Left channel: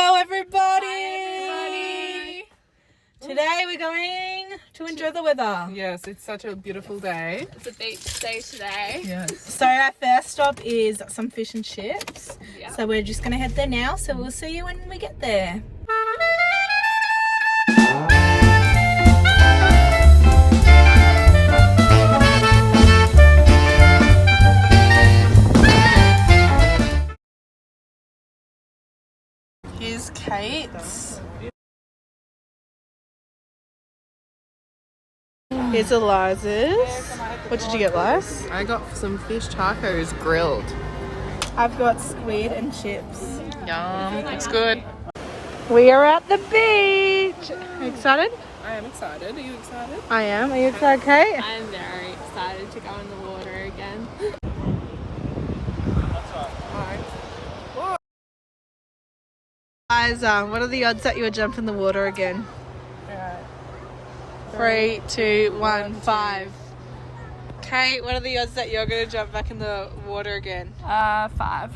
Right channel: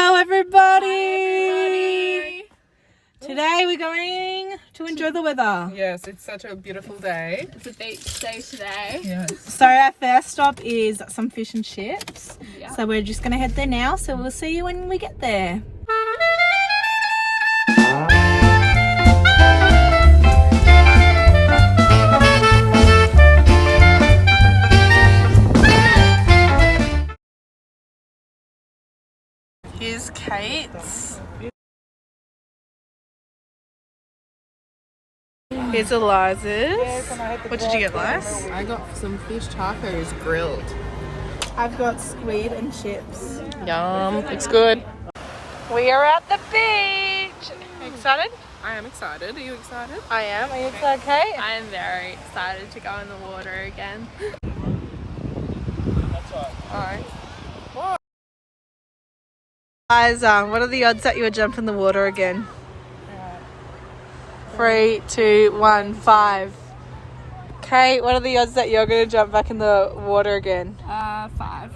Hello everybody. Hi, everybody. Today we're going to enjoy the weather. Yes, it's such a beautiful day. It's a beach day today. Yes. So our first stop is some fish and chips. Yeah. So we're just going to head there now. So we'll see you when we get there. Here's Kate's. Here's Eliza's. What did you get, Liz? I got some fish tacos grilled. I've got squid and chips. Yum. It's good. We are at the beach. Excited? I am excited. Are you excited? I am. Are you excited, Kate? I am very excited to go in the water again. Alright. Liza, what are the odds that you'll jump in the water again? Alright. 3, 2, 1, 5. Kate, what are the odds that you're going to jump back in the water again? 5.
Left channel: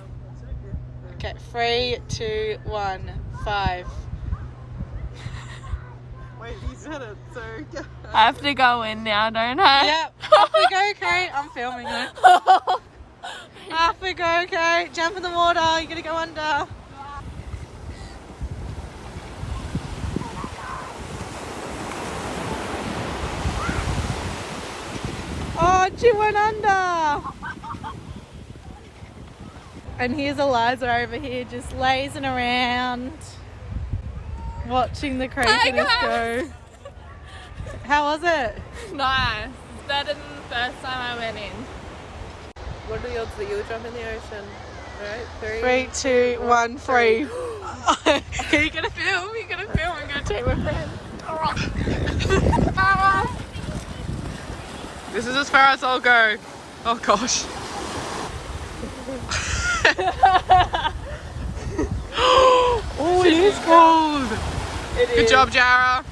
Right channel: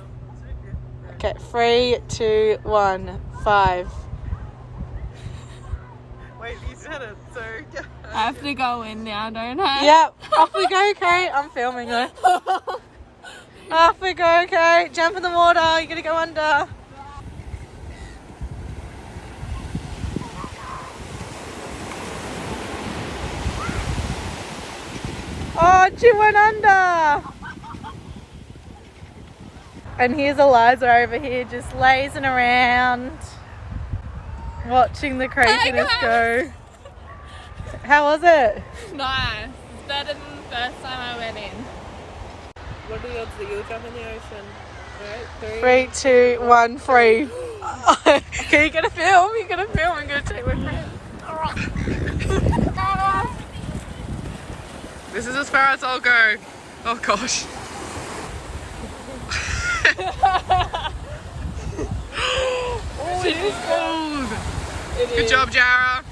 Okay, 3, 2, 1, 5. Wait, you said it, so... I have to go in now, don't I? Yep, off we go, Kate. I'm filming it. Off we go, Kate. Jump in the water. You're going to go under. Oh, she went under. And here's Eliza over here just lazing around, watching the craziness go. How was it? Nice. It's better than the first time I went in. What are the odds that you'll jump in the ocean? Alright, 3, 2, 1, 3. You're gonna film? You're gonna film? I'm gonna take my friend. This is as far as I'll go. Oh gosh. Oh, it is cold. Good job, Jara.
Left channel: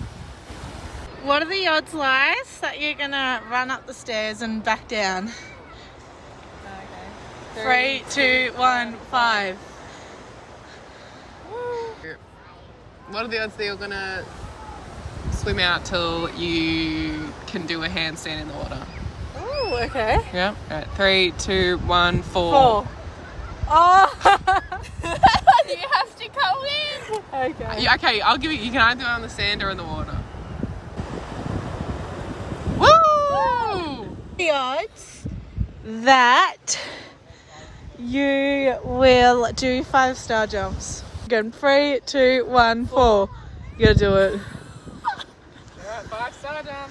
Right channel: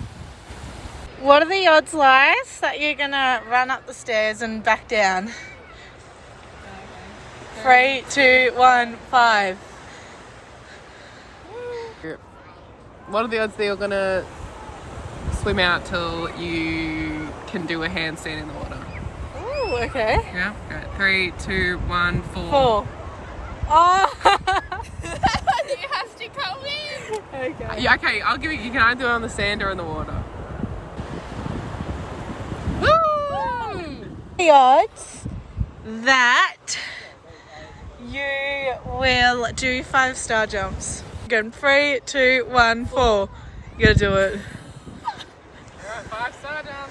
What are the odds, Liz, that you're gonna run up the stairs and back down? Okay. 3, 2, 1, 5. What are the odds that you're gonna swim out till you can do a handstand in the water? Oh, okay. Yeah. Alright, 3, 2, 1, 4. 4. Oh. You have to go in. Okay. Yeah, okay, I'll give you. You can either do it on the sand or in the water. Woo! The odds that you will do 5-star jumps. Again, 3, 2, 1, 4. You gotta do it. Alright, 5-star jump.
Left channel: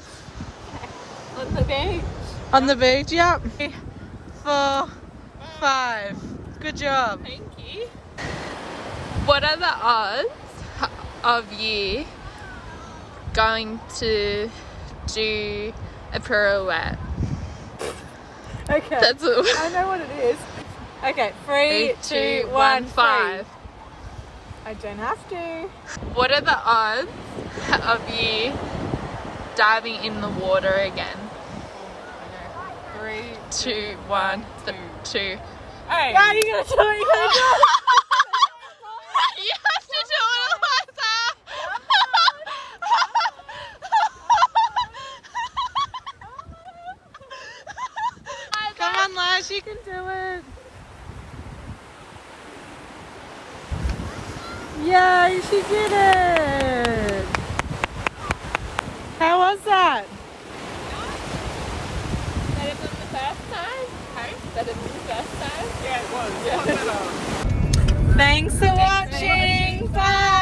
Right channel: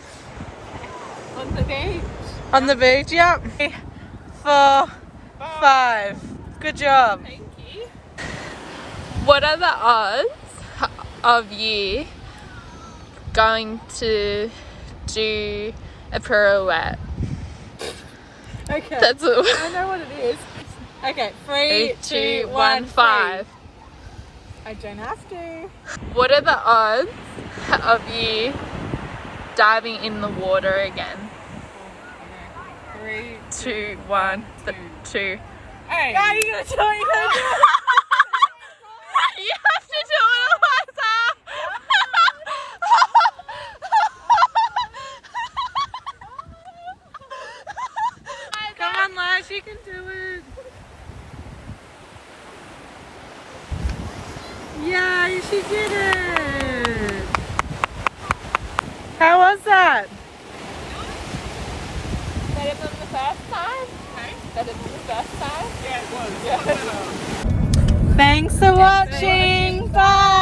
On the beach. On the beach, yep. 3, 4, 5. Good job. Thank you. What are the odds of you going to do a pirouette? Okay. That's all. I know what it is. Okay, 3, 3, 2, 2, 1, 1, 5. I don't have to. What are the odds of you diving in the water again? 3, 2, 1, 2. Hey! Yeah, you're gonna do it. You're gonna do it. You have to do it, Eliza! Come on, Lash, you can do it. Yeah, she did it. How was that? Better than the first time? Hey? Better than the first time? Yeah, it was. Thanks for watching. Bye.